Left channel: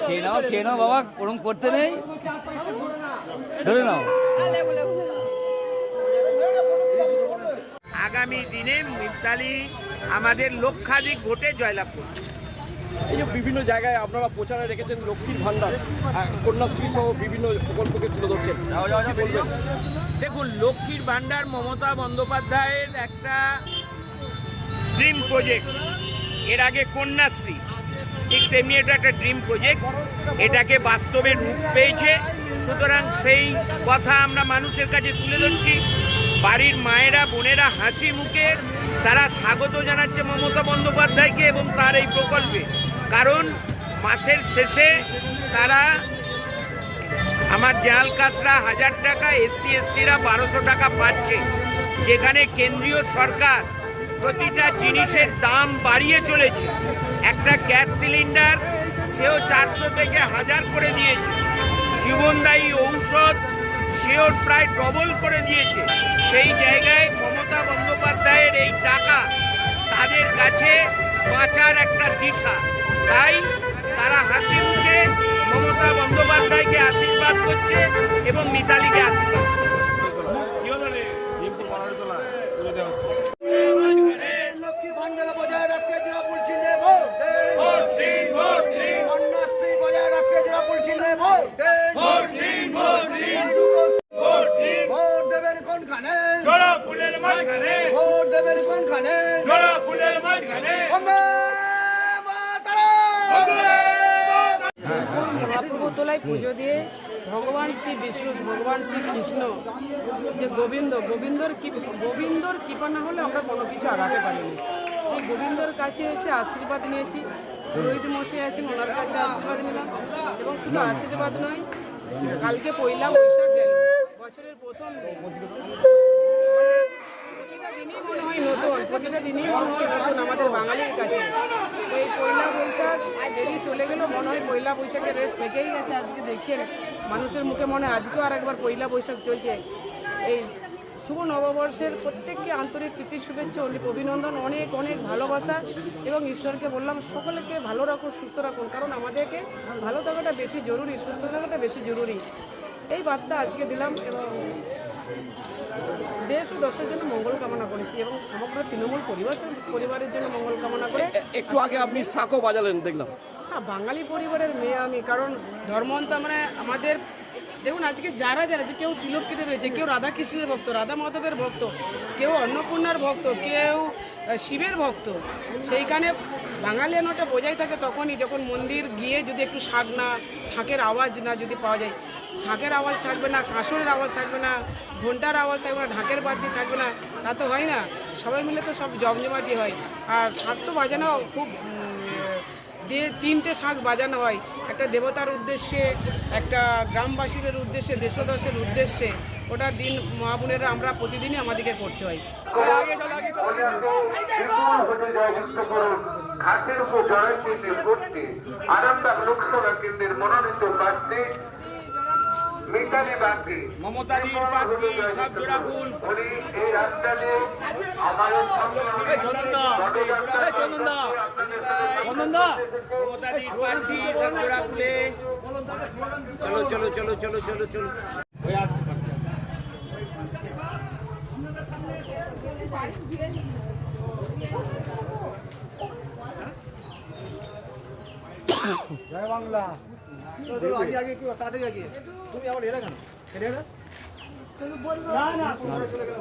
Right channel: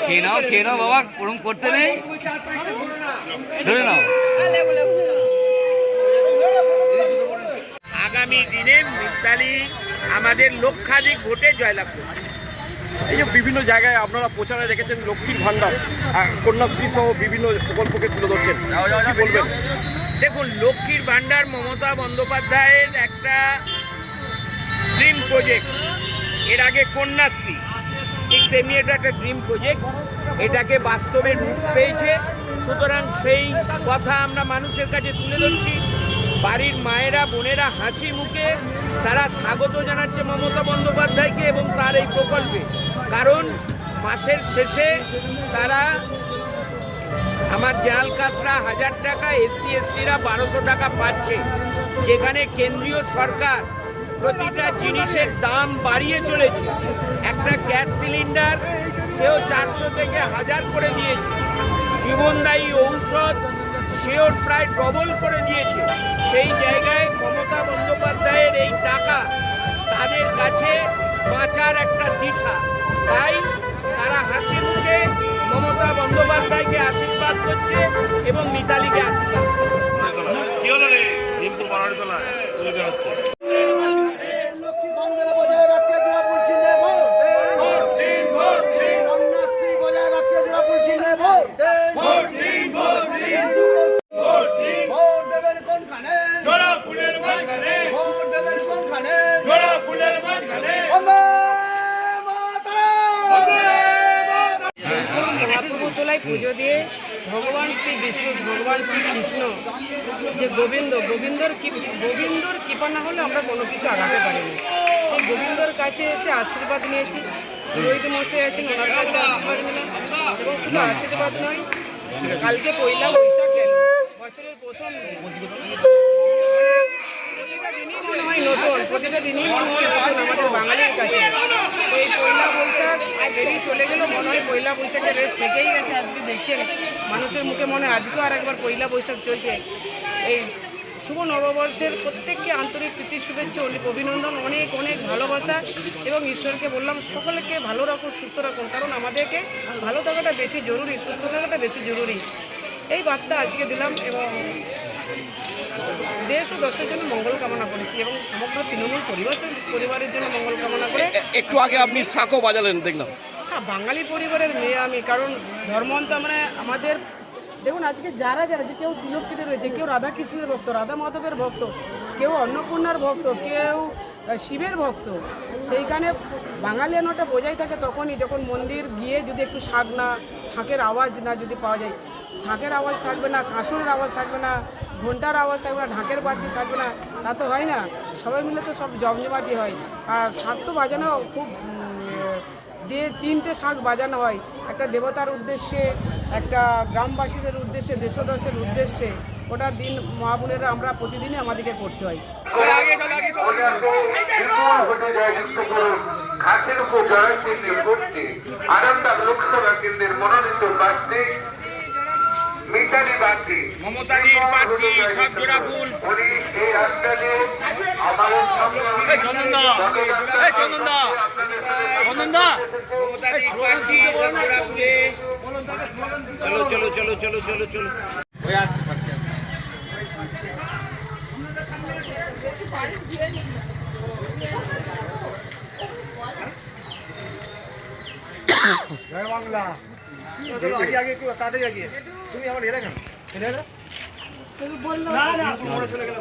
খেয়ে নাও খেয়ে নাও বাবা ওরকম করতে নেই। ধরে নাও। আগামী দিনে মিতালি আমাদের লক্ষাধিক ভোটে জয়লাভ করবে এই যে বিভিন্ন জায়গায় আপনারা প্রচারে রেখেছেন লক্ষ্মীর ভান্ডার আহ, কন্যাশ্রী সহ বিভিন্ন প্রকল্পকে তুলে ধরছেন বলবেন? দেখুন লক্ষ্মীর ভাণ্ডার মমতা বন্দ্যোপাধ্যায়ের একটা ড্রিম প্রজেক্ট এর আগে কন্যাশ্রী ঠিক তেমনি এটা একটা ড্রিম প্রজেক্ট এটাকে বাস্তবে রূপ পেয়েছে। সুতরাং সেই কথা আমরা মানুষের কাছে তুলে ধরছি। বাড়ির মায়েরা বোনেরা হাসি মুখে তারা স্বাগত জানাচ্ছে মমতা বন্দ্যোপাধ্যায়কে এবং তার এই প্রকল্পে। কারণ মাসের শেষে তারা আমার জাল কাসরা হাজার টাকা, এসসি, এসটিরা বারোশো টাকা পাচ্ছে। যেখানে কেন্দ্রীয় সরকার প্রতিটা জিনিসের দাম বাড়িয়ে চলেছে। একটা গ্যাস সিলিন্ডার সেও চারশো থেকে হাজার করে দিয়েছে। জীবনদায়ী ঔষধ সেও প্রায় ডবল করে দিয়েছে। সেই জায়গায় মমতা বন্দ্যোপাধ্যায়ের এই টাকা তাদের কাছে বাঁচার একটা দিশা। তাই তারা হাসি মমতা বন্দ্যোপাধ্যায়কে আশীর্বাদ করছে এবং মিতালিকে আশীর্বাদ করছে। মহাপ্রভু তোলায় পুজো দিয়ে ভগবান শ্রী বিষ্ণু, ভগবান শ্রী কৃষ্ণ, যে গোবিন্দ, গোবিন্দর গোবিন্দর কৃপা না হলে আমরা কোনো কিছু আগাতে পারিনি। সেই গোবিন্দর কাছে এসে আশীর্বাদ নিয়েছি। পুরোহিত মশাই আছেন, ওনার কাছে আশীর্বাদ নিলাম। এবং শুধু আশীর্বাদ নয়, কালকে পয়লা বৈশাখ গেল। বছরের প্রথম দিন। মানে হয় নতুন, প্রতিটা দিনই মনে হয় নতুন আমাদের বাঙালির কাছে। এই পয়লা বৈশাখ চলে গেল, মনে হয় পয়লা বৈশাখের থেকেই গেছে আজকে, দেখছেন? মানুষের মুখে মনে হয় আজকেও আর একবার পয়লা বৈশাখ চলছে। এই শুভ নববর্ষের প্রত্যেককে আন্তরিক প্রীতি শুভেচ্ছা অভিনন্দন, অনেক অনেক ভালোবাসা এবং ঈশ্বরকে বললাম, সকলকে ভালো রাখুন সুস্থ রাখুন, কারণ আমাদেরকে ভালো থাকাটা বেশি জরুরি, সুস্থ থাকাটা বেশি জরুরি। এই বার্তা আজকে দিলাম এবং দেশ ও দশের জন্য মঙ্গল কামনা করেছি এবং সমগ্র তৃণমূল পরিবারের পরিবারের জন্য মঙ্গল কামনা করে একটু আগে আপনি শাকও বাজালেন দেখলাম। হ্যাঁ বাঙালি পরিবারের মেয়ে আমি কারণ ধর্মান্ত মানে আমাদের দেখুন আজকে যারা যারা যে কেউ তিলকিতে রয়েছে কেউ রাধাকৃষ্ণের ভক্ত রাধা মাধবের ভক্ত কেউ অন্নপূর্ণার ভক্ত কেউ শিবের ভক্ত সেইখানে বাঙালিয়ানোটা বোঝাই থাকে তখনই যখন মন্দির গিয়ে যদি একটু শাক না শাঁখের আওয়াজ না যদি পাওয়া যায় শাঁখের আওয়াজ থাকবে না কাঁসরের আওয়াজ থাকবে না ঘণ্টার আওয়াজ থাকবে না ঢাকের বাড়তি থাকবে না তা তো হয় না। সবাই মিলে তো সব জমজমাটি হয়। আর শাক তো বাজানো খুব দিয়ে তিনটে শাঁখ বাজানো হয়। একটা দেবতার উদ্দেশ্যে একটা গ্রামবাসীদের উদ্দেশ্যে দেশদশের উদ্দেশ্যে ওটা দিন মা বোনেরা আমরা প্রতিদিনই আমাদেরকে করতে হয়। ঘাটের উপর জয় ভর্তি আরামবাগ লোকসভা কেন্দ্রের মনোনীত প্রার্থী মমতাদির প্রার্থী সব জোড়া ফুল মমতাদির প্রার্থী সব জোড়া ফুলে চলো চলো চলো চলো চলো চলো। জয় বাংলা। আগে আগে একটু তাড়াতাড়ি আগে। তুমি আমার হেরে কেন? না না মোড়ে চলে গেলে।